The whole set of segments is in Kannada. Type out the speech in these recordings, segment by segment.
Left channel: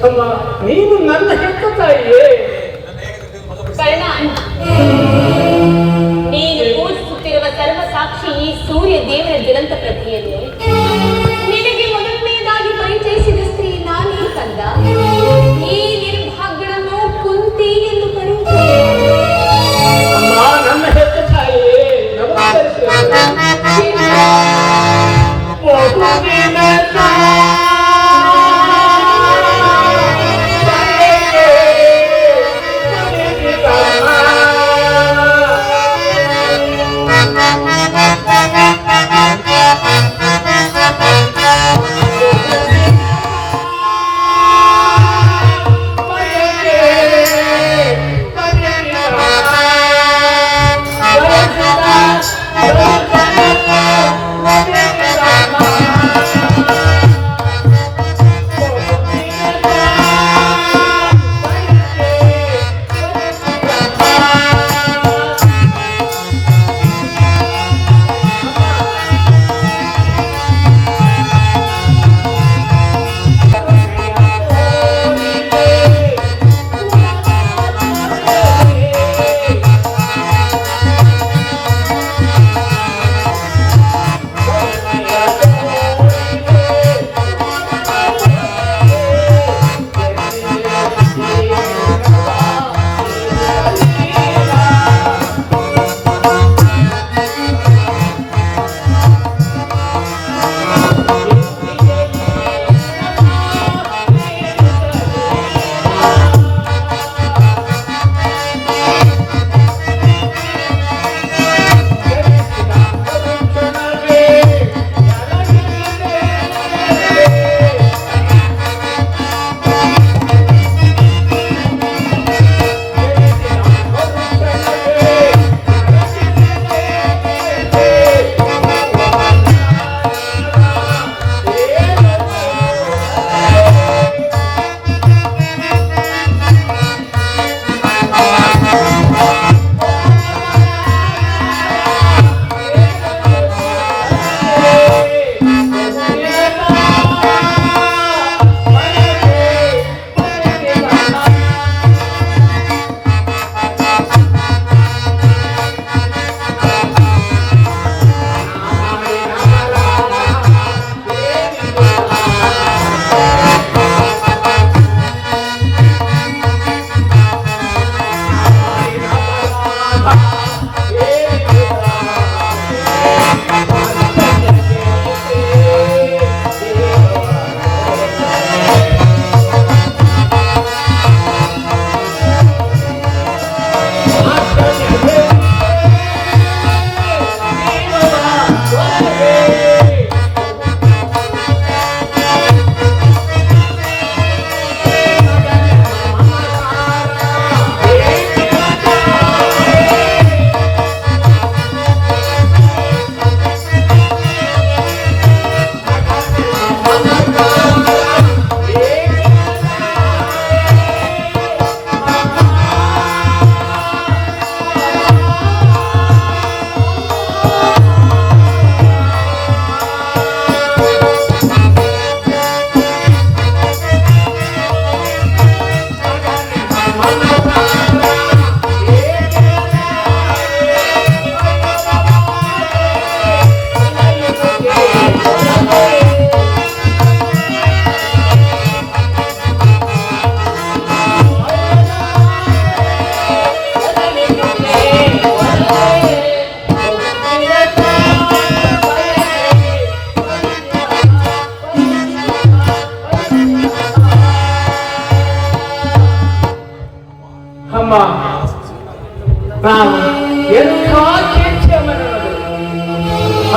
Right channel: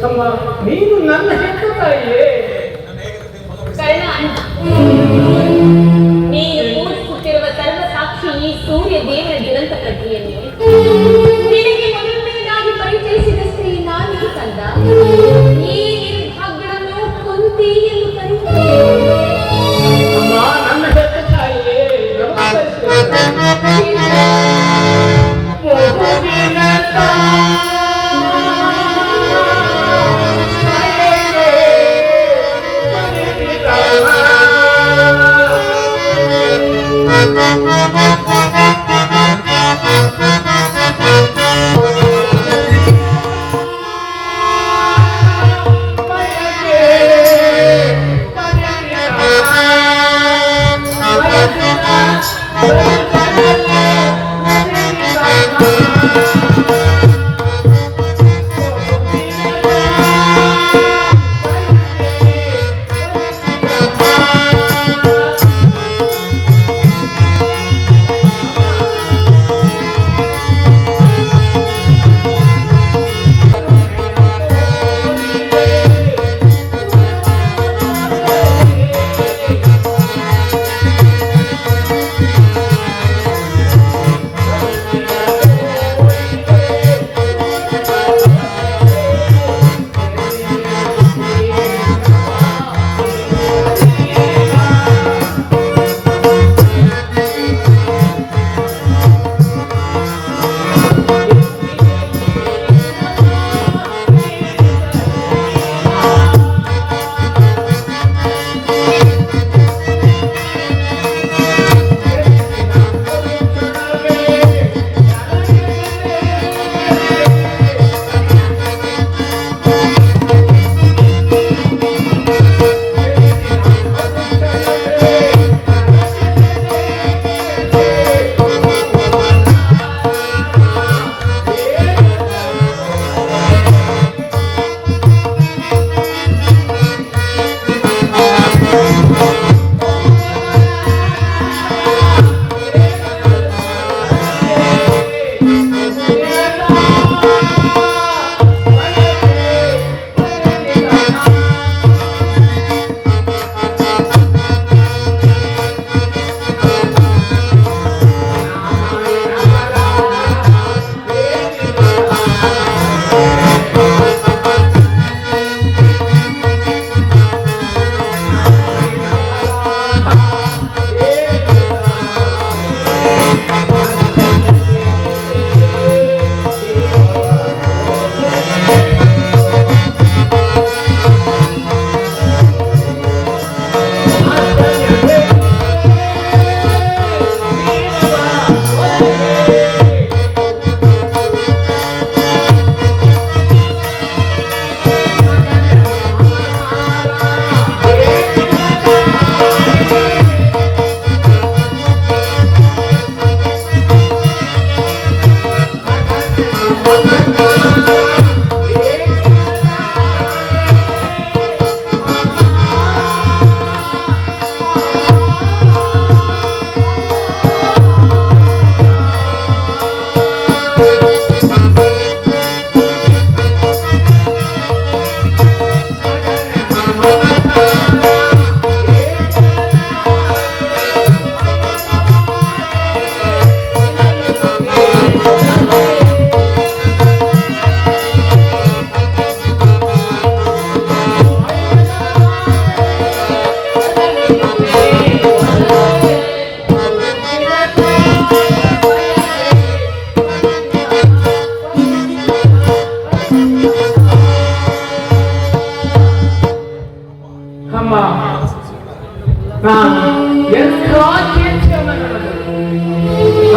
ಅಮ್ಮ ನೀನು ನನ್ನ ಹೆತ್ತ ತಾಯಿಯೇ. ನೀನು ಕೂಡಿಸುತ್ತಿರುವ ಸರ್ವ ಸಾಕ್ಷಿ ಈ ಸೂರ್ಯ ದೇವರ ದುರಂತ ಪ್ರತಿಯಲ್ಲಿ ನಿನಗೆ ಮೊದಲನೇದಾಗಿ ಪರಿಚಯಿಸಿದ ಸ್ತ್ರೀ ನಾನು ಕಂದ. ಈ ನಿರ್ಭಾಗ್ಯವನ್ನು ಕುಂತಿ ಎಂದು ಕರೆಯುತ್ತಾರೆ. ಅಮ್ಮ ನನ್ನ ಹೆತ್ತ ತಾಯಿಯೇ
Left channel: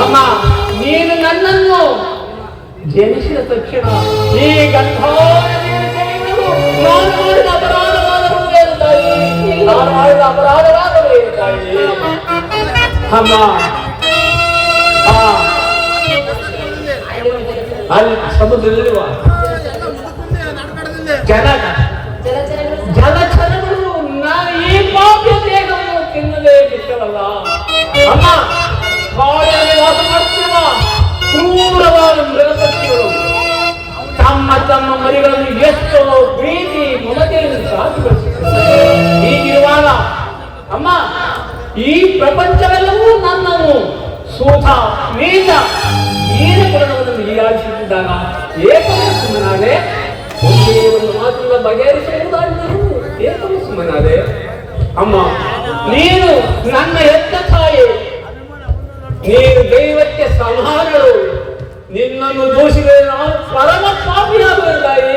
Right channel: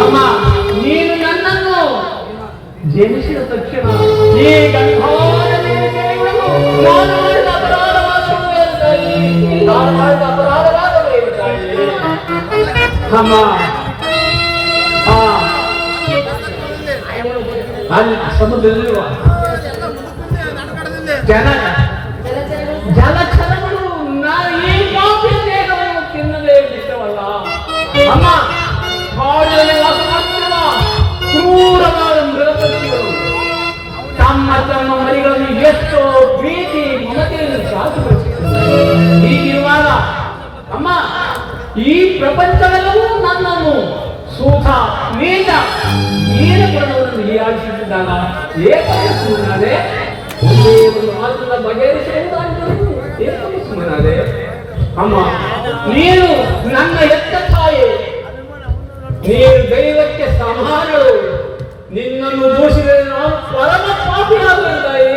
ಅಮ್ಮ ನೀನು ನನ್ನನ್ನು ಜನಿಸಿದ ತಕ್ಷಣ ಈ ಅಮ್ಮ ಅಲ್ಲಿ ಸಮುದ್ರದಲ್ಲಿರುವ ಜಲಚರಗಳು ಈ ಪಾಪಿ ದೇಹವನ್ನು ತಿನ್ನದೇ ಬಿಟ್ಟವಲ್ಲ ಅಮ್ಮ ಕ್ರೂರವಾದ ಮೃಗಪಕ್ಷಿಗಳು ತಮ್ಮ ತಮ್ಮ ಮರಿಗಳನ್ನು ಎಷ್ಟೋ ಏಕೆ ಸುಮ್ಮನಾದೆ? ಒಂದೇ ಒಂದು ಮಾತನ್ನ ಬಗೆಹರಿಸುವುದಾಗಿದ್ದರೂ ಏಕೆ ಸುಮ್ಮನಾದೆ? ಅಮ್ಮ, ನೀನು ನನ್ನ ಹೆತ್ತ ತಾಯಿ, ನೀನು ದೈವಕ್ಕೆ ಸಮಾನಳು. ನಿನ್ನನ್ನು ದೂಷಿಸಿದರೆ ನಾನು ಪರಮ ಪಾಪಿಯಾಗುವೆ ತಾಯಿ.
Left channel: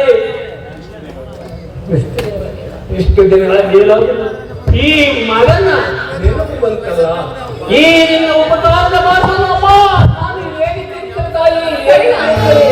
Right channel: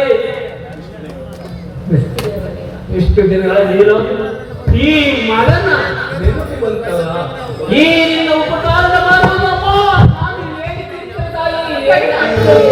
ಇಷ್ಟು ದಿನಗಳ ನೀನು ಈ ಮಗನ ನೆನಪು ಬಂತಲ್ಲ, ಈ ನಿನ್ನ ಉಪಕಾರದ ಮಾರ್ಗವಮ್ಮ ನಾನು ಹೇಳಿದ್ದೇನೆ ತಾಯಿ. ಏನಾಗ್ತದೆ?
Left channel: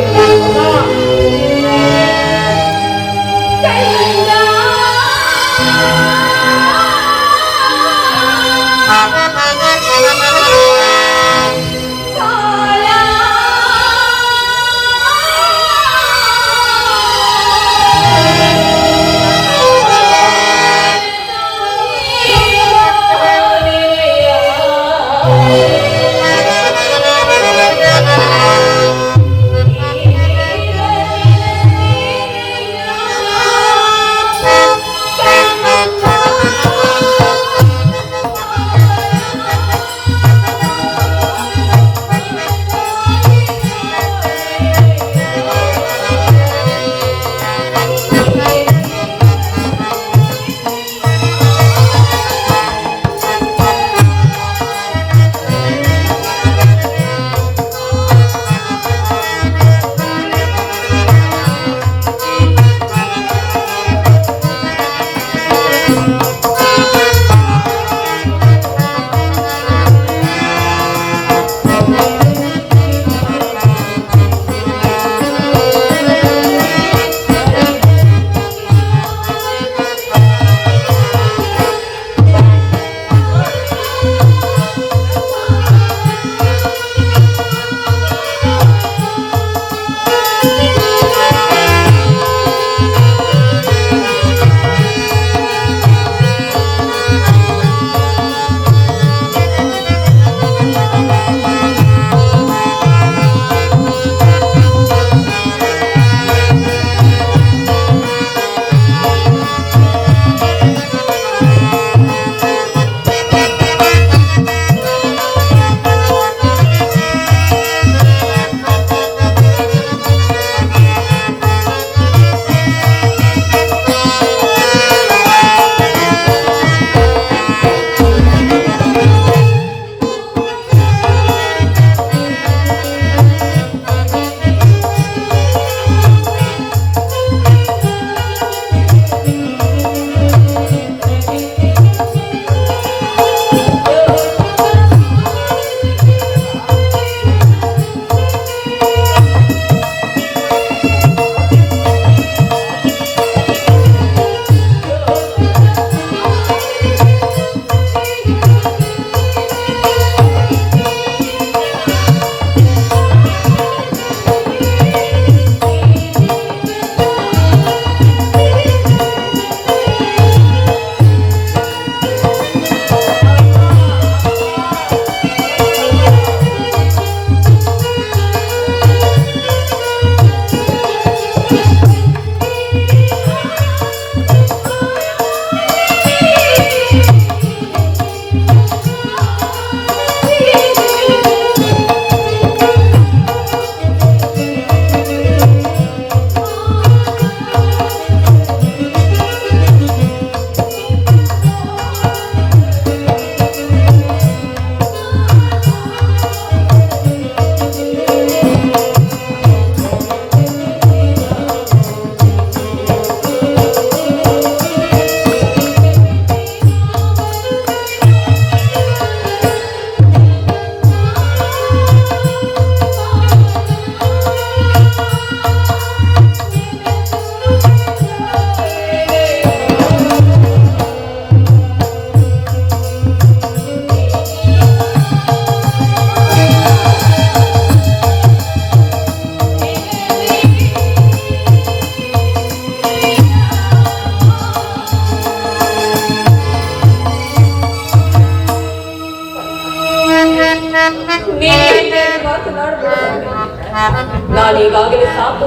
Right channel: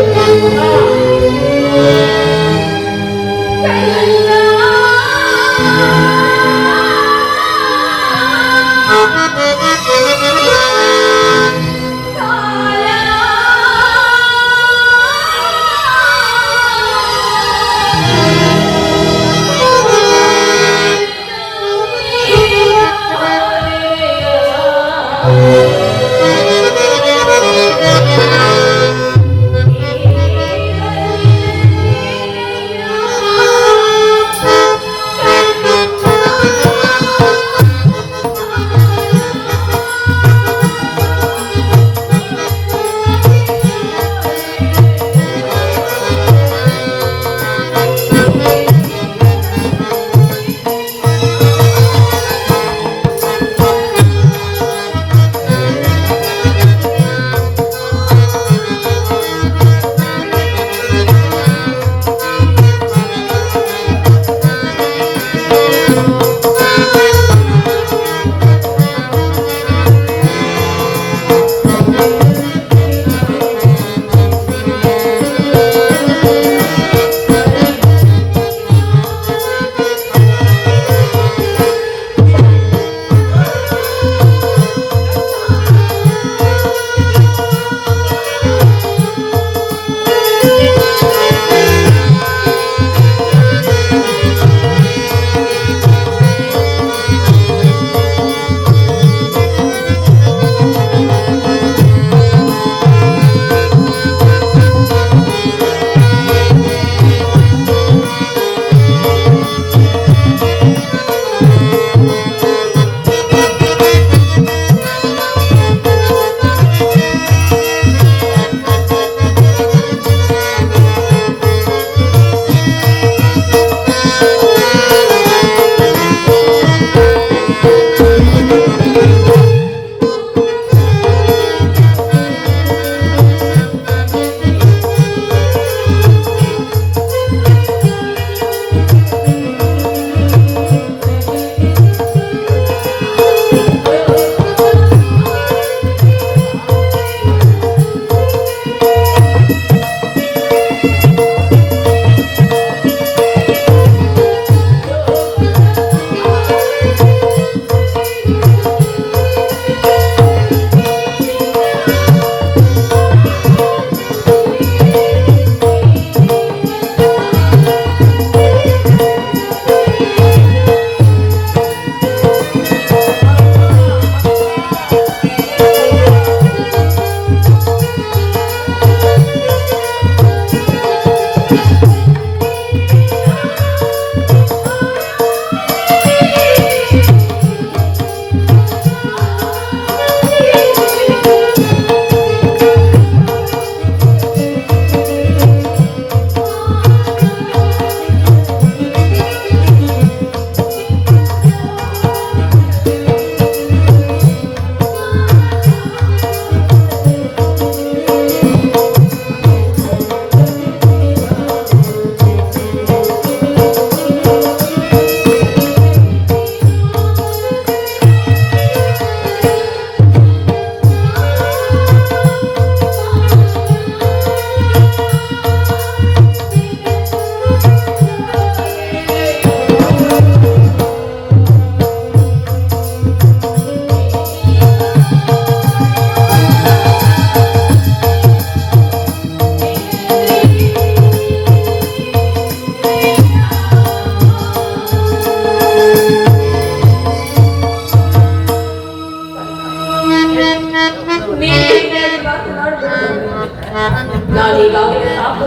ನಾನೀಗಾಗಲೇ ಸಾಕು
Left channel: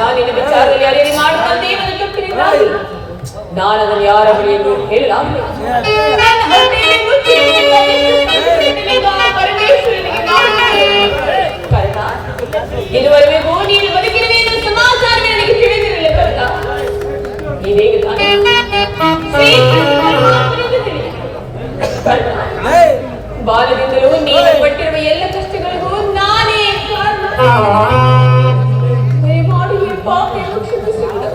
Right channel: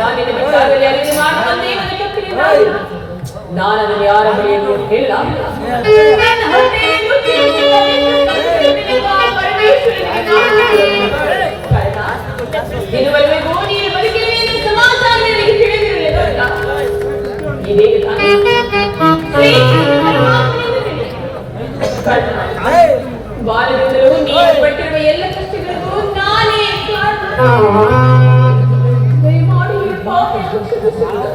ನಾನಿನ ವಿಚಾರದಲ್ಲಿ ಅರಿವು ಮಾಡುತ್ತಂತೆ ಇವನು ಕೆಟ್ಟಿದೆ ನಾನು ಅದನ್ನು ಯಾರ ಬಳಿಯನ್ನು ಹೇಳಲಾಗಿಲ್ಲ. ನನ್ನ ಹೊಟ್ಟೆಯಲ್ಲಿ ನುಚ್ಚು ಇದುವರೆಗೂ ನೀನು ಬದುಕಿರುವೆ ಎಂದು ಸಮಾಚಾರ ನನಗೆ ತಿಳಿದಿರಲಿಲ್ಲ ಕರ್ಣ. ಇದೀಗ ತಾನೇ ಶ್ರೀಕೃಷ್ಣನ ಮಾತನ್ನು ತಿಳಿದೆ. ಕರ್ಣ, ಬಾಲ್ಯದಿಂದಲೂ ನೀನು ಪಟ್ಟಿರುವ ಎಲ್ಲ ಕಷ್ಟಗಳಿಗೂ ನಾನೇ ಕಾರಣ. ದಯಮಾಡಿ ಈ ಪಾಪವನ್ನು ಕ್ಷಮಿಸಿಬಿಡು.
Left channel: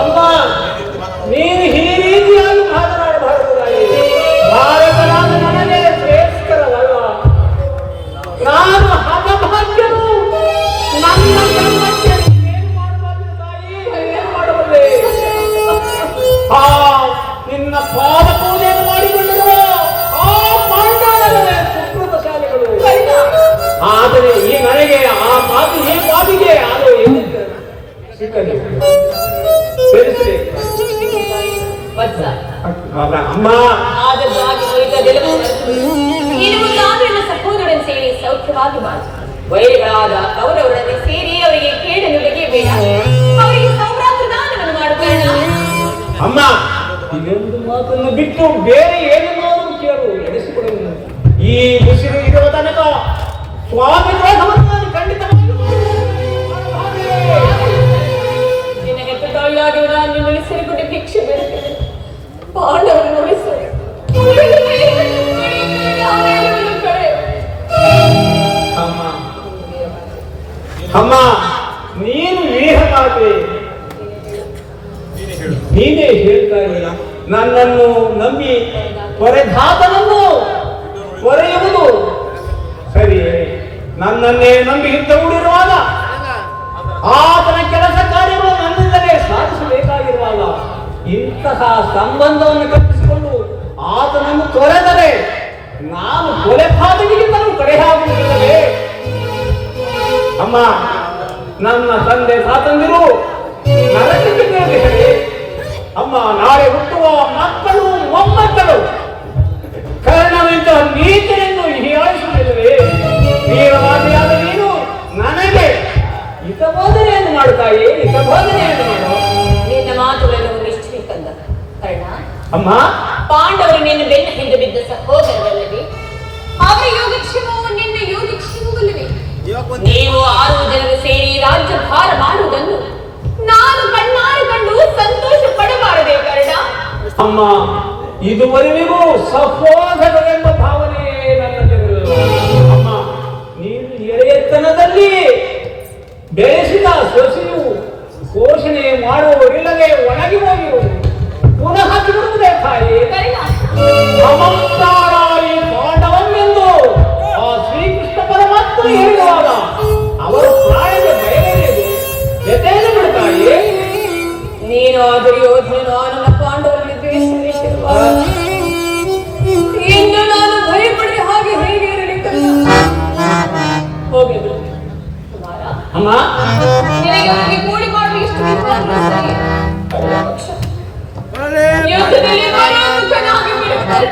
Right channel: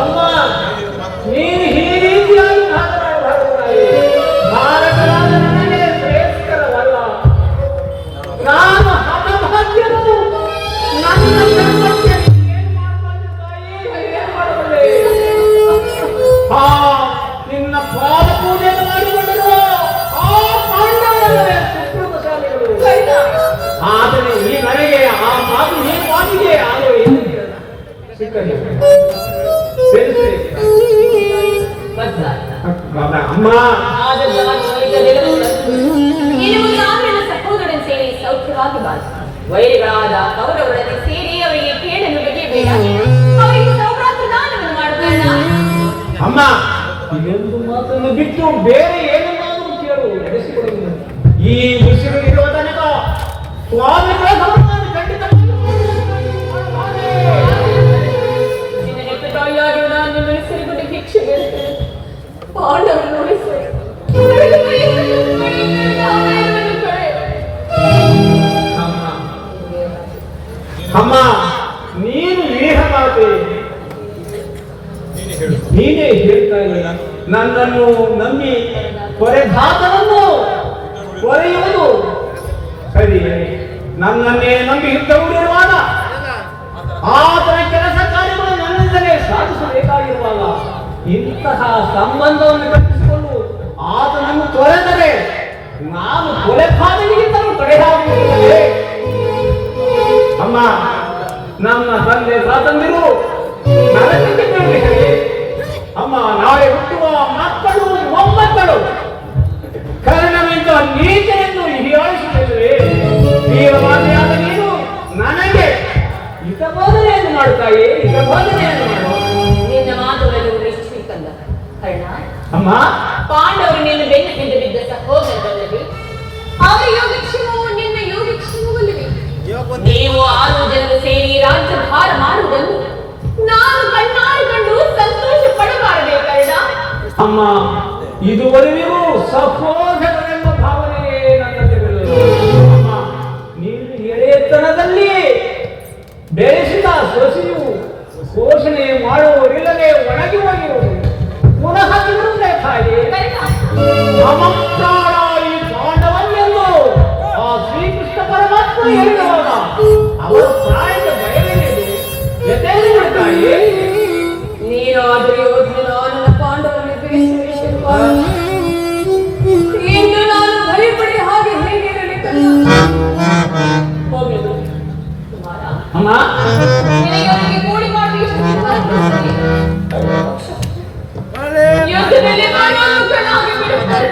ಅಮ್ಮ, ನೀನು ಈ ರೀತಿಯಾಗಿ ಮಾತನಾಡಬಾರದಾಗಿ. ಭಾರತನಾದ ನನಗೆ ಶ್ರೇಷ್ಠರವಲ್ಲ. ನಾನು ಹಠಭಾಗ್ಯನು. ನನ್ನ ಕರ್ಮಕ್ಕೆ ಏನು ಮಾಡಬಾರದು ತಾಯಿ, ಏನು ಮಾಡಬಲ್ಲೆ? ನಿನ್ನ ಪಾದ ಪೂಜೆಯನ್ನು ಮಾಡಿಕೊಂಡಿರುವ ಆ ಪಾಂಡವರೇ ಸುಕೃತಶಾಲಿಗಳು. ಆದರೆ ಈ ನನಗೆ ಆ ಮಾತು ಏನು ಮಾತಿಗೆ ಅದು ಸಿಕ್ಕಲಿ ಸೇರಿಸಿ ಅಮ್ಮ. ಸಹೋದರನ ಸೇರಿ ಸೌಖ್ಯವಾಗಿ ಬಾಳ ವೈರಿಗಳಾದ ಅವರವರನ್ನು ಸೇರಿ ಅವರಿಗೆ ಕೇಳಲು ಬಗೆಯಬೇಡ. ಅವರಿಗೆ ಸೌಭ್ರಾತೃ ದಾನವನ್ನು ಮಾಡುತ್ತಣ್ಣ. ಅಮ್ಮ, ಇದೊಂದು ಮಾತನ್ನು ಬಿಟ್ಟು ಬೇರೆ ಏನನ್ನಾದರೂ ಕೇಳು, ನಡೆಸಿಕೊಡುವುದು. ಈ ಉಸಿರು ಇರುವ ತನಕ ಸ್ವಾಮಿ ಪ್ರಧಾನವನ್ನು ಖಂಡಿತವಾಗಿ ನಿನ್ನ ಹೆತ್ತ ತಾಯಿಯಾಗಿ ನಾನು ನಿಮ್ಮಲ್ಲಿ ಸೇರಿಬಿಟ್ಟು ಭಿಕ್ಷೆ ಬೇಡ್ತೇನೆ. ಪಾಂಡವರನ್ನು ಉಳಿಸು. ಅಮ್ಮ, ನೀನು ವೀರಗಾತೆ. ನೀನೇ ಹೇಳ್ತಾ ಇಲ್ಲ, ನನ್ನನ್ನು ನಂಬಿ ಕೊರೆಘಾತವನ್ನು ಕೊರೆಯುವುದು ಸರಿ. ನನ್ನನ್ನೇ ನಂಬಿ ಯುದ್ಧ ಹೂಡಿರುವಾಗ ಆತನ ಕೆಲಸ ಕಾರ್ಯಗಳು ನನ್ನಿಂದಲೇ ಸಾಧಿಸಬೇಕಾಗಿರುವಾಗ ಇಂತಹ ಸಂಬಂಧವನ್ನು ಕಲ್ಪಿಸಿಕೊಂಡು ಆತನನ್ನು ತೊರೆದರೆ ನಾನು ಕೊಲೆಪಾತನಿಗಿಂತಲೂ ಕಡೆಯಾಗುತ್ತೇವೆ. ಅಮ್ಮ, ನನ್ನ ತಂದೆ ಸ್ವಾತಂತ್ರ್ಯರು ನನಗೆ ಹೇಳಿ ಅಮ್ಮ, ನಾಳೆ ಹುಟ್ಟುವ ಮಕ್ಕಳು ಮೊಮ್ಮಕ್ಕಳು ಕರ್ಣವಿಂದ ನೀತಿಯನ್ನು ಹೀಯಾಳಿಸುತ್ತೇವೆ. ವೀರವಾದಿಯಾದ ನೀನು ನನಗೆ ಹಿತಬೋಧನೆಯನ್ನು ಮಾಡುತ್ತಾಯೇ, ಹಿತಬೋಧನೆಯನ್ನು ಮಾಡು. ನಿನ್ನ ಮಾತುಗಳನ್ನು ನಿಶ್ಚಯ ಕಂದ ಕರ್ಣ. ಅಮ್ಮ, ಪಾಂಡವರು ನಿನ್ನ ಬೆನ್ನ ಹಿಂದೆ ಬಿದ್ದ ಸಹೋದರರಲ್ಲವೇ? ಅವರ ಯೋಗಕ್ಷೇಮವು ನಿನ್ನ ಯೋಗಕ್ಷೇಮವಲ್ಲವೇ? ನೀವು 6 ಜನರು ಸೇರಿ ರಾಜ್ಯಭಾರ ಮಾಡುವುದನ್ನು ನಾನು ಕಣ್ಣಾರೆ ಕಂಡು ಸಂತೋಷ ಪಡಬಾರದೆ ಕರ್ಣ. ಅಮ್ಮ, ಇದುವರೆಗೂ ಸಹೋದರರೆಂಬ ಭಾವನೆಯೇ ನನ್ನಲ್ಲಿರಲಿಲ್ಲ. ಅಮ್ಮ, ನೀನು ಎಳೆಯತನದಲ್ಲಿ ಬೆಳೆಸಿದ ಸೊಸೆಯು ಘೋಷಣೆ ಮಾಡುವವರಿಲ್ಲದೆ ಒಣಗಿ ಹೋಗಿರುವುದು ಪುನಃ ಬಿಡುತ್ತದೆ ತಾಯಿ. ಸಮಸ್ತಾರಾಯಿ ಪಾಂಡವನೆಂದು ಆ ಶ್ರೀಕೃಷ್ಣ ಪರಮಾತ್ಮ ಹೇಳಿರುವಾಗ ಅವರ ಪ್ರಾಯದ ಬಯಲೇನಿದೆ ವ್ಯತೆಯನ್ನು ಬಿಡುತ್ತಾಯಿ. ನೀನು ಆದರೂ ಯೋಧನೆ ನನ್ನ ಪಾಂಡವರಲ್ಲಿ ದ್ವೇಷವಿಟ್ಟಿರುವ ಇನ್ನು ನಾನು ಭಯಪಡಿ ಹಾಗೆ ಹೇಗೆ ಇರಲಿ ಕರ್ಣ. ಹೋಗಲಿ ಕುಮಾರ, ಅಮ್ಮ, ನಿನಗೆ ಅವರಿಗೆ ಕೂಡಿ ಮಾಡುವ ಇಷ್ಟು ಯುದ್ಧದಲ್ಲಿ ಪರಾಮುಖನಾಗಿ ಬಿಡುತ್ತಾರೆ.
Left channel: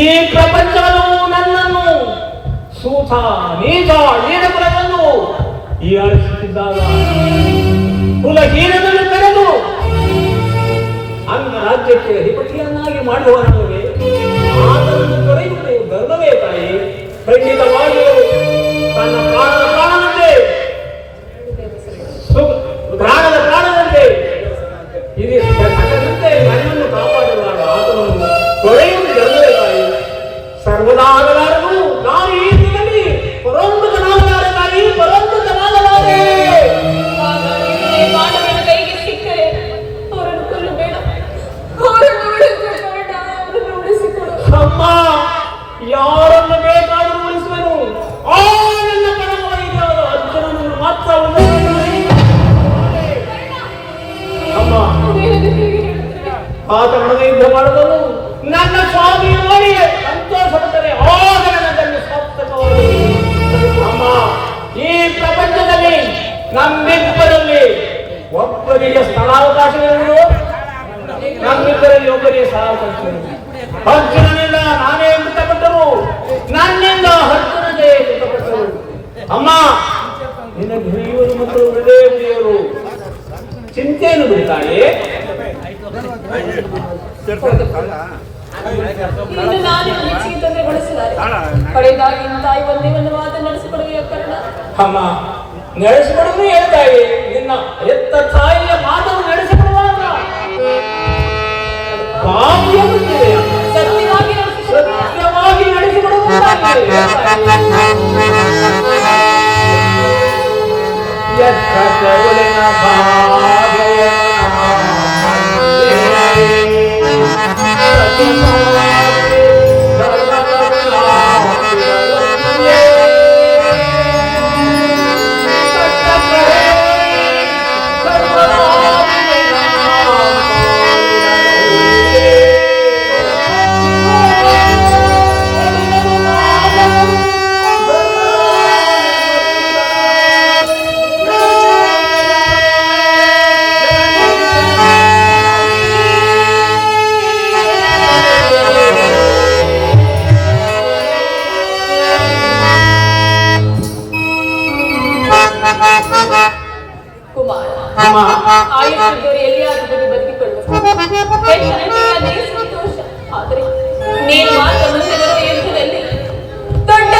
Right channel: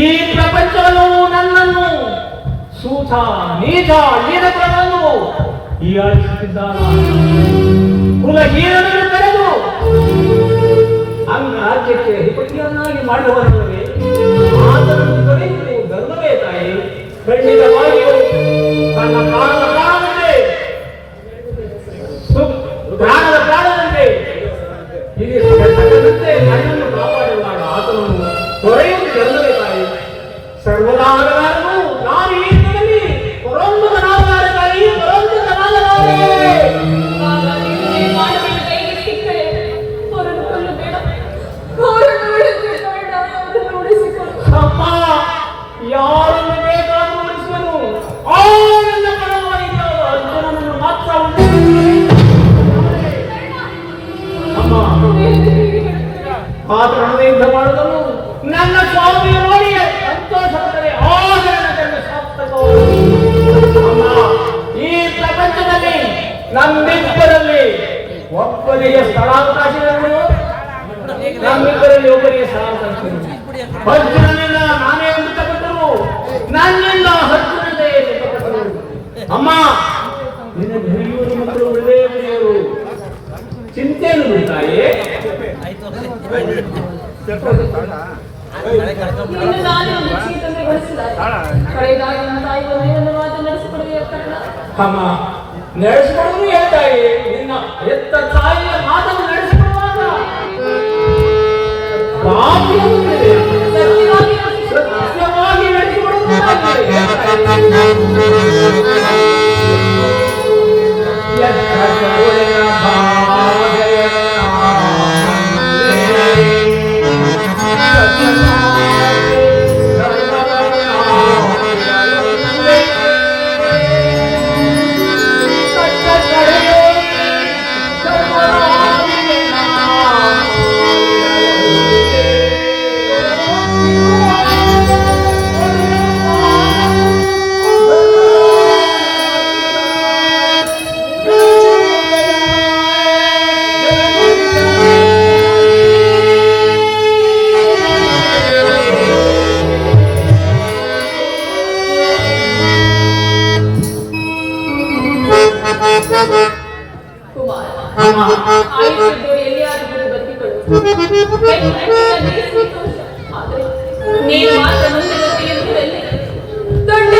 ಈ ಪ್ರಪಂಚವನ್ನು ನನ್ನನ್ನು ಸೂತ ನೀಚ ನೀಡಗಳನ್ನು ಈ ಆಳಿಸುತ್ತಿದ್ದಾಗ ಕುಲಹೀನವನ್ನು ಕರೆದು ಅಂಗ ರಾಜ್ಯಕ್ಕೆ ಅಧಿಪತಿಯನ್ನಾಗಿ ಮಾಡುವವರಿಗೆ ಆತನನ್ನು ತೊರೆಯುವುದು ಗರ್ವವೇ ತಾಯಿ. ಖಂಡಿತವಾಗಿಯೂ ತನ್ನ ಪ್ರಾಣದ ಪ್ರಾಣದಂತೆ ಇಲ್ಲಿ ಸಕಲಂತೆ ನನ್ನನ್ನು ಕಾಪಾಡುವಾಗ ಆತನನ್ನು ತೊರೆಯುವುದು ಗರ್ವವೇ ತಾಯಿ. ಸರ್ವದಾ ಆಗಲಾರದು. ನಾನು ಈ ದಿನದಲ್ಲಿ ಪರೋಂತಕನಾಗಲಾರೆ ತಾಯಿ, ಪರೋಂತಕನಾಗಲಾರೆ. ಅಮ್ಮ, ಯಾರನ್ನು ಬೇಕಾದರೂ ಉಳಿಸುವನು. ಆ ನನ್ನ ಕಣವಾಗಿದ್ದಾಗ ಅರ್ಜುನನನ್ನು ಮಾತ್ರ ಅಮ್ಮ, ಆತ ಮನದ ಯುದ್ಧ ಮಾಡಿದನು. ನನ್ನ ಸ್ವಾಮಿ ನೋಡಿ ಸಂತೋಷಪಟ್ಟರೆ ಆದರಣದಲ್ಲಿ ಸಾರ್ಥಕವಾದ ಅಮ್ಮ, ಈ ಪ್ರಪಂಚದಲ್ಲಿ ನಮ್ಮಿಬ್ಬರಲ್ಲಿ ಒಬ್ಬರಿಗೆ ಸ್ಥಳಾವಕಾಶಗಳು, ನಮ್ಮಿಬ್ಬರಲ್ಲಿ ಒಬ್ಬರಿಗೆ ಸ್ಥಳಾವಕಾಶಗಳು. ಅರ್ಜುನನಿಂದ ನಾನೇ ಮೃತಪಟ್ಟರು, ನನ್ನಿಂದ ಅರ್ಜುನನೇ ಮೃತಪಟ್ಟರು. ಅಮ್ಮ, ನಿನ್ನ ಧನಿಯವರು ಮತ್ತು ಒಳ್ಳೆಯ ಧನಿಯವರು ಚಿಂತೆಯನ್ನು ಬಿಡುತ್ತಾಯೇ? ಅಮ್ಮ, ನಡೆಸಿಕೊಡುವುದು ಹೇಳ್ತಾಯಿ. ನಿನ್ನ ಎತ್ತ ತಾಯಿಯ ಮಾತನ್ನು ನಡೆಸಿಕೊಡುವಾಗ ಸತ್ಯವಾಗಿ ನಡೆಸಿಕೊಡುವುದಾಗಿದೆ. ನೀನು ಮಾತ್ರ ಮುಂದೆ ಬರುವ ಯುದ್ಧದಲ್ಲಿ ದೊಡ್ಡ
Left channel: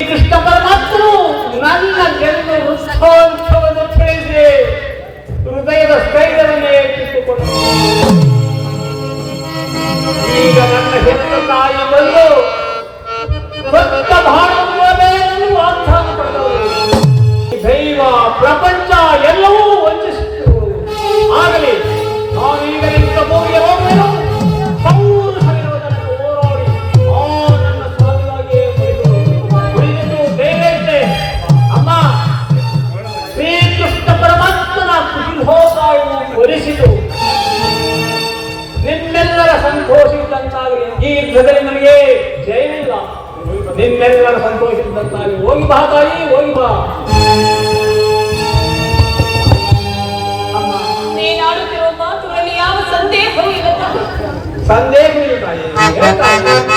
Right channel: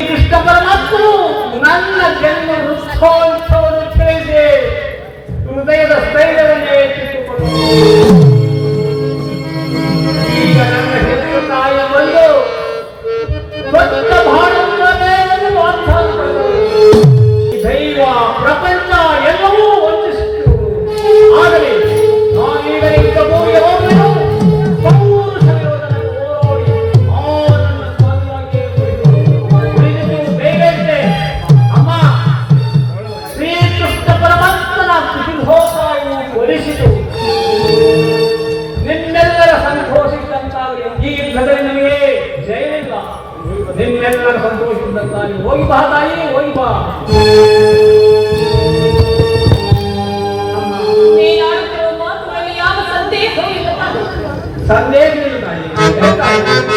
ಕೃಷ್ಣ ಪರಮಾತ್ಮನು ನನ್ನ ಜನ್ಮ ವೃಕ್ಷೋತ್ಸವವನ್ನು ತಿಳಿಸಿ ಹೃದಯದ ಸ್ಥೈರ್ಯವನ್ನೇ ಈಗ ನನ್ನ ಹೆತ್ತ ತಾಯಿ ಬಂದು ಸ್ವಚ್ಛ ಭಾರತವನ್ನು ದೈವ ಪ್ರಪಂಚ ಎಲ್ಲವೂ ವಂಚಿಸುತ್ತಿರು. ಆಗಲಿ ನಾನೀಗ ಇಂಥ ಭೂಮಿಗೆ ಹೋಗಲು ನಿಮ್ಮೆಲ್ಲರ ಸಂತೋಷಿಸಿದಂತಾಗಲಿ. ಈ ಯುದ್ಧದಲ್ಲಿ ನನಗೆ ಜಯವಿಲ್ಲ. ನಿಮ್ಮೆಲ್ಲರ ಸಂತೋಷಿಸಿದಂತಾಗಲಿ. ಹೋಗಿ ಬಾ ತಾಯಿ, ಹೋಗಿ ಬಾ. ಸಂದೇಹ ಇಲ್ಲ ತಾಯಿ.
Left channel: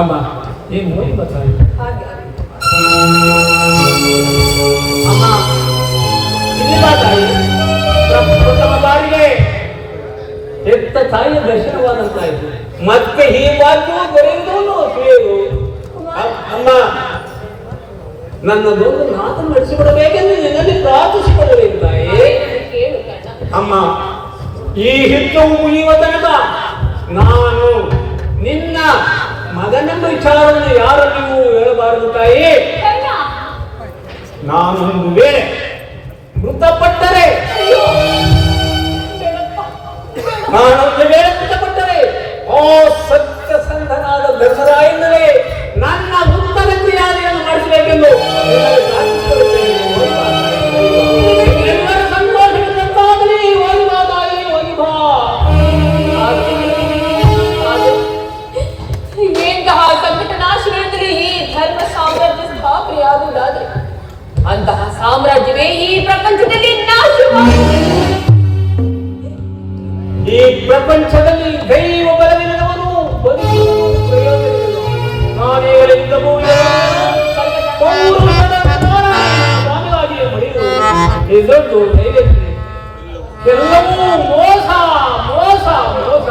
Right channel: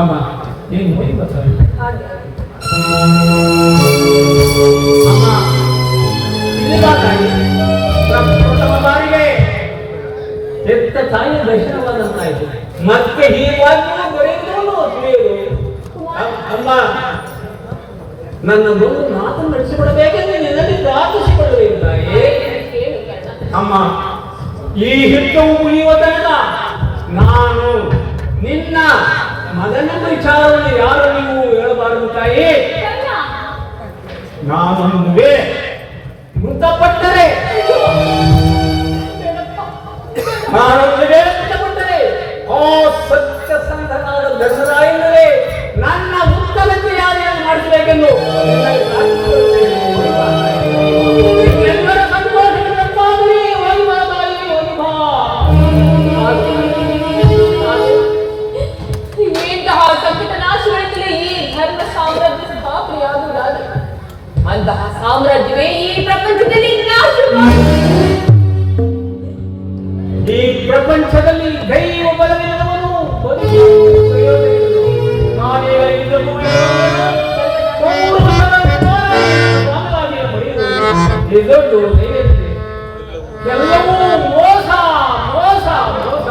ಅಮ್ಮ ಏನು ಹೋಗಿ ಬರ್ತಾರೆ ಅಮ್ಮ ಇಲ್ಲಿ ತಾಯಿ ಪ್ರಥಮ ಬಾರಿಗೆ ಹೆತ್ತ ತಾಯಿಯ ದರ್ಶನವಾದಂತಾಯಿತು. ಮತ್ತೆ ಹೀಗಾಗಿ ದೊರೆಯುವುದು ಸುಳಿಯುವುದು. ಅಮ್ಮ ನನ್ನದೊಂದು ಮಾತನ್ನು ನಡೆಸಿಕೊಡಬೇಕೆಂದು ನಿನ್ನಲ್ಲಿ ಪ್ರಾರ್ಥಿಸಿಕೊಳ್ಳುತ್ತೇನೆ ತಾಯಿ. ಅಮ್ಮ ಈ ಹಿತ್ತವು ಮುಗಿಯುವ ತನಕ ನಾನು ನಿನ್ನ ಮಗನ ವಿಚಾರವನ್ನು ಯಾರು ನೀವು ಹೇಳಬಾರದು ತಾಯಿ. ನಾನು ಮುಂದೆ ಮೃತಪಟ್ಟರೆ ಮೃತಪಟ್ಟರೆ ಆ ಸತ್ಯಸಂಧನಾದ ಧರ್ಮರಾಯನವೇ ನನ್ನ ಉತ್ತರಕ್ಕೆ ಯಾರೇನು ಮಾಡಿಸಬೇಕೆಂದು ನಿನ್ನಲ್ಲಿ ಪ್ರಾರ್ಥಿಸಿಕೊಳ್ಳುತ್ತೇನೆ. ಸಂತೋಷಕ್ಕಾಗಲಿ ವೈಭಾ ತಾಯಿ ವೈಭಾ. ಅಂತಹ ಸಾಮ್ರಾಜ್ಯವೇ ಈ ಪ್ರಪಂಚದಲ್ಲಿ ಈ ಪ್ರಪಂಚದಲ್ಲಿ ದೈವ ಬಲವಿರುವವನು ಎಲ್ಲವೂ ಮೋಸ ಮೋಸ ಮೋಸ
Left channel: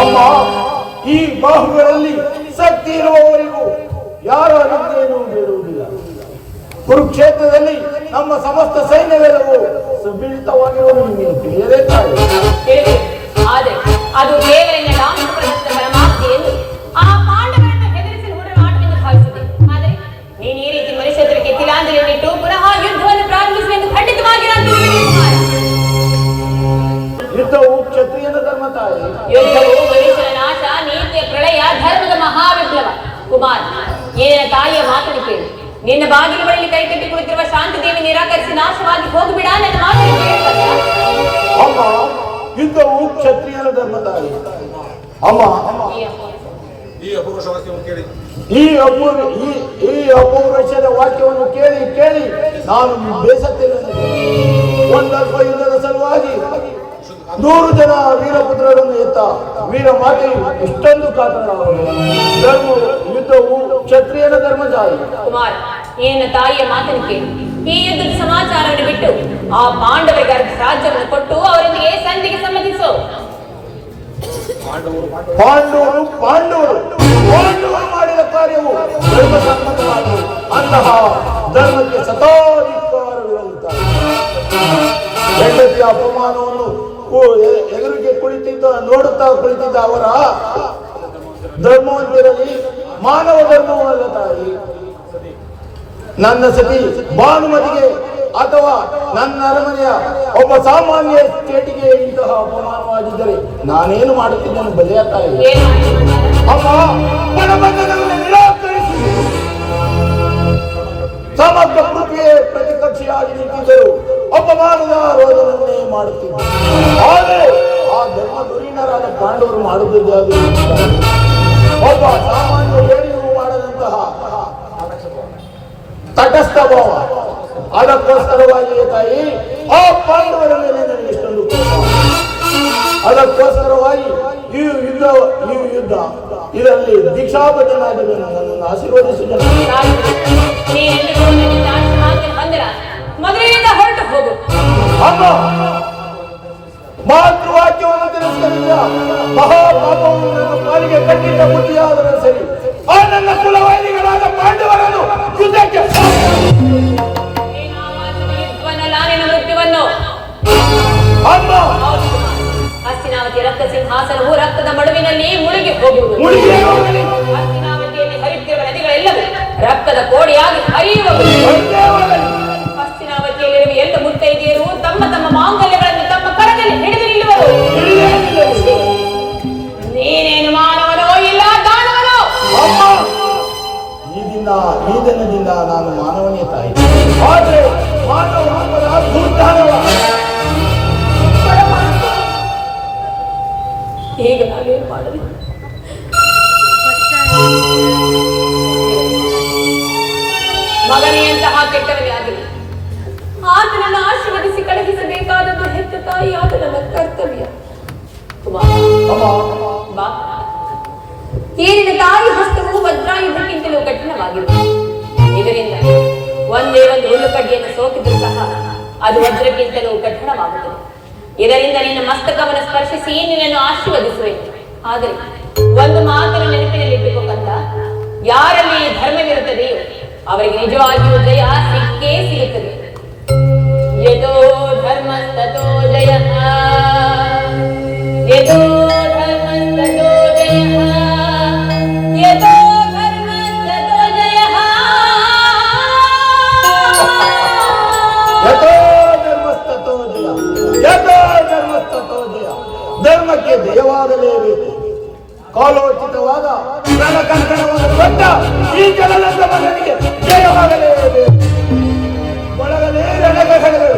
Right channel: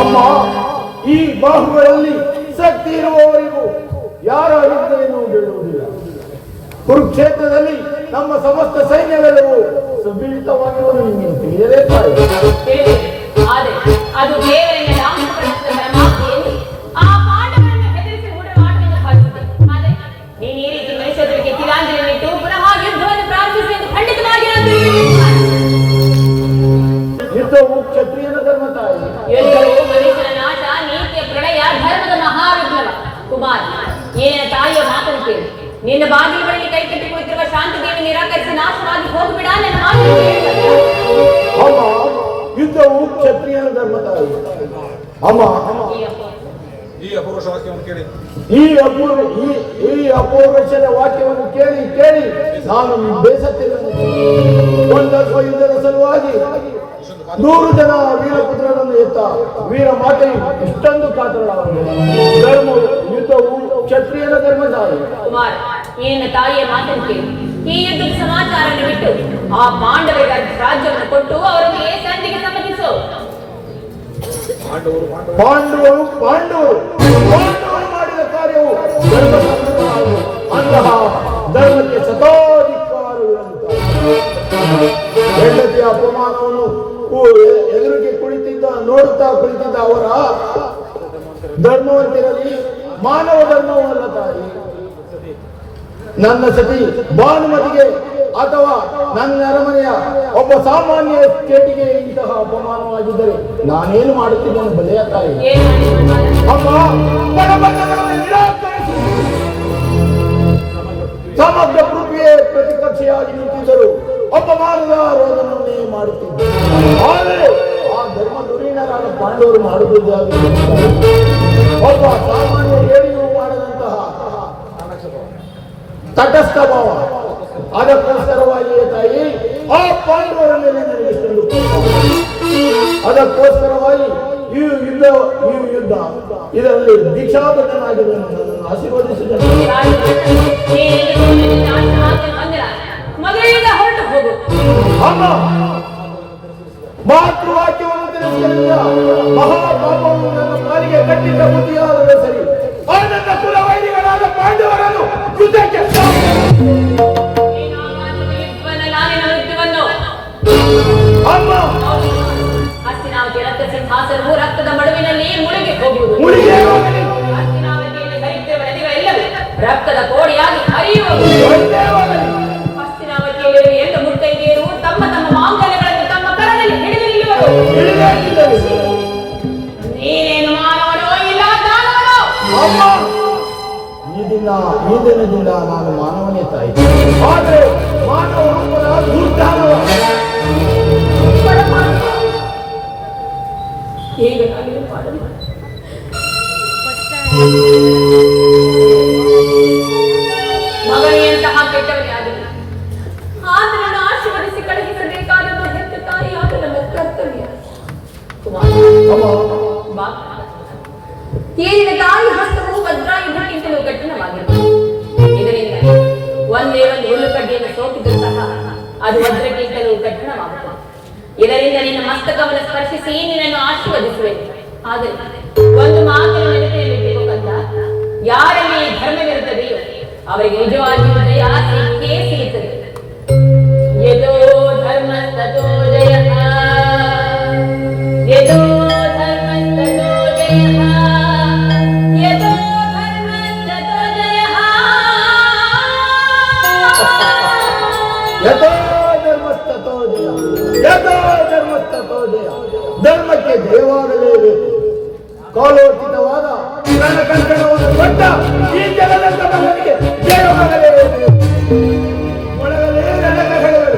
ಅಮ್ಮ, ಈ ಬಾಹುಗಳಲ್ಲಿ ಶಕ್ತಿ ಇರುವವರಿಗೂ ಯಾರ ಅನುಗ್ರಹವೂ ಬೇಡುವುದಿಲ್ಲ. ಕುರುಕ್ಷೇತ್ರದಲ್ಲಿ ನಮ್ಮ ಸಮಸ್ತ ಸೈನ್ಯವೆಲ್ಲವೂ ಸುಬೀಳಿತವಾಗಿರುವುದು ನಿಮಗೆ ತಿಳಿಯಲೇ ತಾಯಿ. ಆದರೆ ಅದು ಕೇವಲ ರಾಮಕೃಷ್ಣ ಪರಮಾತ್ಮೆಯನ್ನು ಆ ಪಾಂಡವರನ್ನು ಹೆದರಿಸಲು ಕೂಡ ಮಾತನ್ನು ಭಾವಿಸಿದೆ. ಆದರೆ ನೀನು ಈ ರೀತಿ ಮನುಷ್ಯರಿಗೆ ತಿಲಾಂಜಲಿಯನ್ನಿಟ್ಟು ಪುನಃ ಯುದ್ಧವನ್ನು ಪ್ರಾರಂಭಿಸುವೆಂದು ಖಂಡಿತವಾಗಿ ನಾನು ಯುದ್ಧವು ಕ್ಷತ್ರಿಯನ ಧರ್ಮ ತಾಯಿ. ಯುದ್ಧವು ಮನುಷ್ಯನ ನಾಶ, ನೀತಿಯ ಪ್ರಳಯ, ಧರ್ಮದ ಮಹಾವಿಪ್ಲವ. ಕುಮಾರ, ಏನ ತಾಯಿಯ ಮಾತನ್ನು ಕೇಳಿ. ನಿನ್ನ ಬಾಗಿಲು ಬಳಿ ಕೈಕಟ್ಟಿ ಕುಳಿತಿರುವ ಶಾಂತಿದೇವಿ ನಿರಾಕರಿಸಿ ನಾಶವಾಗಿ ಹೋಗ್ಬಿಡ. ನನ್ನ ಮಾತನ್ನು ಕೇಳ್ತಾರೆ. ಅಮ್ಮ, ಯುದ್ಧವು ಕ್ಷತ್ರಿಯನ ಧರ್ಮ ತಾಯಿ. ಅಮ್ಮ, ಈ ಅಪೌರುಷದ ವಾಕ್ಯವನ್ನು ಕೇಳಿ ಕೇಳಿ ನಾನು ಬೇಸತ್ತಿಲ್ಲ. ಒಂದಲ್ಪ ಯುದ್ಧದ ಸಲುವಾಗಿ 100 ಜನ ವೀರಪುತ್ರರನ್ನು ಎತ್ತ ವೀರ ಮಾತೆಯು ಇಷ್ಟೊಂದು ಕಾತರವಾಗಿದೆ. ಯುದ್ಧವು ಕ್ಷತ್ರಿಯನ ಧರ್ಮ ತಾಯಿ. ಕುಮಾರ, ಏನ ತಾಯಿಯ ಮಾತನ್ನು ಕೇಳಿ. ಈ ಯುದ್ಧದ ಸಮಾಚಾರವನ್ನು ಬಿಟ್ಟು ಆ ಪಾಂಡವರಿಗೆ ರಾಜ್ಯವನ್ನು ಕೊಟ್ಟು ಅವರೊಂದಿಗೆ ಸಂಧಿಗೆ ಸಮ್ಮತಿಸು. ಪಾಂಡವರು ಮಾಡಿದ ಕಾರ್ಯವು ಧರ್ಮ ಸಮ್ಮತವಾಗಿದೆ. ಅಂತಹ ಧರ್ಮಕ್ಕೆ ಸತಾಧಿಕಾರವಿರುವಂತಹ ಹೆಂಡತಿಯ ಅಪಮಾನವನ್ನು ಎದುರಿಗೆ ನೋಡುತ್ತಾ ಕುಳಿತಿದ್ದ ಅವರ ಧರ್ಮವಂತರಲ್ಲಿ ಮಾನವ ಧರ್ಮವಲ್ಲ ತಾಯಿ. ನನ್ನ ಸತಿ ಭಾನುಮತಿಗೆ ಅಥವಾ ನನ್ನ ಅರಮನೆಯ ಒಬ್ಬ ಸಾಮಾನ್ಯ ಸ್ಟೇಟಿಗೆ ಇಂತಹ ಅಪಮಾನವಾಗಿದ್ದರೆ ನಾನೇನು ಮಾಡುತ್ತಿದ್ದೇನೆ ಬಲೆಯ ತಾಯಿ. ಅಮ್ಮ, ಗಣಬಂಧನವನ್ನು ನಿರಾಕರಿಸಿ ಸಮಗ್ರ ಪೃಥ್ವಿಯೇ ಪ್ರತಿಕಕ್ಷೆಯಾಗಿ ನಿಂತಿದ್ದರು ಅಪಮಾನದ ರೋಧನವನ್ನೇ ಮಾಡುತ್ತಿದ್ದರು. ಆದರೆ ಆ ಧರ್ಮ ಧುರೀಣರಾದ ಪಾಂಡವರು ಮಾಡುವುದೇ ಒಬ್ಬ ಸಾಮಾನ್ಯ ಹೇಳಿಯೂ ಮಾಡದಂತಹ ತಟಸ್ಥ ಭಾವ. ಅದಕ್ಕೋಸ್ಕರವಾಗಿಯೇ ತಾಯಿ ಆ ಪಾಂಡವರ ಮೇಲೆ ನನಗೆ ಇಷ್ಟೊಂದು ಅದಕ್ಕೋಸ್ಕರವಾಗಿ ಈ ಯುದ್ಧ ಇದರಲ್ಲಿ ದೀಕ್ಷಾಬದ್ಧನಾಗಿರುವ ನನ್ನನ್ನು ಆಶೀರ್ವದಿಸಿದ ಅಮ್ಮ, ಮಾತೃವಾಕ್ಯವನ್ನು ತಿರಸ್ಕರಿಸಿದ ಮಹಾಪಾಪವನ್ನು ನನ್ನ ಪಾಲಿಗೆ ಕಟ್ಟಿದ್ದ ಬುದ್ಧಿಯಾದರೆ ಸರಿ. ಆ ನನ್ನ ಕುಲವೈರಿಗಳಾದ ಪಾಂಡವರನ್ನು ಯುದ್ಧಕ್ಕೆ ಅಮ್ಮ, ಹಸ್ತಿನಾವತಿ ರಕ್ತ ಸಿಂಹಾಸನವು ರಕ್ತದ ಮಡುವಿನಲ್ಲಿ ಮುಳುಗಿ ಹೋಗುವುದು. ಹಸ್ತಿನಾವತಿಯಲ್ಲಿ ಹರಿಯುತ್ತಿರುವ ನದಿಗಳೆಲ್ಲವೂ ರಕ್ತದ ಕೋಡಿಯಾಗಿ ಹರಿಯುವುದು. ಹಸ್ತಿನಾವತಿಯಲ್ಲಿ ಎಲ್ಲ ಮುತ್ತೈದೆಯರು ತಮ್ಮ ತಮ್ಮ ಮಾಂಗಲ್ಯಗಳನ್ನು ತಮ್ಮ ಕರದಲ್ಲಿ ಹಿಡಿದು ನಿಲ್ಲುವರು. ನೀನೇನು ಮಾನವನೋ ಇಲ್ಲ ದಾನವನೋ? ಈ ದಿನದಿಂದ ನಾನು ಮಾನವನೇ ತಾಯಿ. ಆದರೆ ಮಾನವ ದುರ್ಧಾನವ. ಈಗ ನಾನೇನು ಮಾಡಲು? ಮಗನಿಯಂತಹ ಕೆಟ್ಟವರೇ ಆಗಲಿ ಆತನನ್ನು ಆಶೀರ್ವದಿಸಿ ಕಳುಹಿಸಬೇಕಾದ ಹೆತ್ತ ತಾಯಿಯಾದ ನನ್ನ ಕರ್ತವ್ಯ. ಬಾ, ಏನಿನ ತಾಯಿ ಹಸ್ತವು ವಜ್ರಾಯುಧಕ್ಕಿಂತಲೂ ಕಠಿಣವಾಗಿದೆ. ಇದರಿಂದ ಒಂದೇ ಒಂದು ಹುಲ್ಲುಕಡ್ಡಿಯನ್ನು ಸೋಕಿದ್ರೂ ಸಹ ಅದು ವಜ್ರಕ್ಕಿಂತಲೂ ಕಠಿಣವಾಗುತ್ತದೆ. ಇದರಿಂದ ನಿನ್ನ ಮಸ್ತಕವನ್ನು ಸ್ಪರ್ಶಿಸಿ ನಿನ್ನನ್ನು ಆಶೀರ್ವದಿಸಬೇಕು. ಆದರೆ ಒಂದು ಮಾತನ್ನು ನೆನಪಿನಲ್ಲಿಟ್ಟುಕೊಂಡ ಯಾರಲ್ಲಿ ಧರ್ಮವಿರುತ್ತದೆಯೋ ಅವರಿಗೆ ನಿಜವಾಗಿಯೂ ಜಯ ಸಿಕ್ಕೇ ಸಿಗುತ್ತದೆ. ಯದೋ ಧರ್ಮ ತಥೋ ಜಯ, ಯದೋ ಧರ್ಮ ತಥೋ ಜಯ, ಯದೋ ಧರ್ಮ ತಥೋ ಜಯ, ಯಥೋ ಧರ್ಮಸ್ತಥೋ ಜಯ, ಯಥೋ ಧರ್ಮಸ್ತಥೋ ಜಯ. ಧರ್ಮಕ್ಕೆ ಜಯವಾಗಲೇಬೇಕು. ಕಾಲೋಚಿತವಾದ ಕಂಕಣವನ್ನು ಕೊಟ್ಟ ಈ ಜಗದ ಮಗನಿಗೆ ಜಯವಾಗಲೇಬೇಕು. ಒಳಗಲೇ ರಣಗಗಳು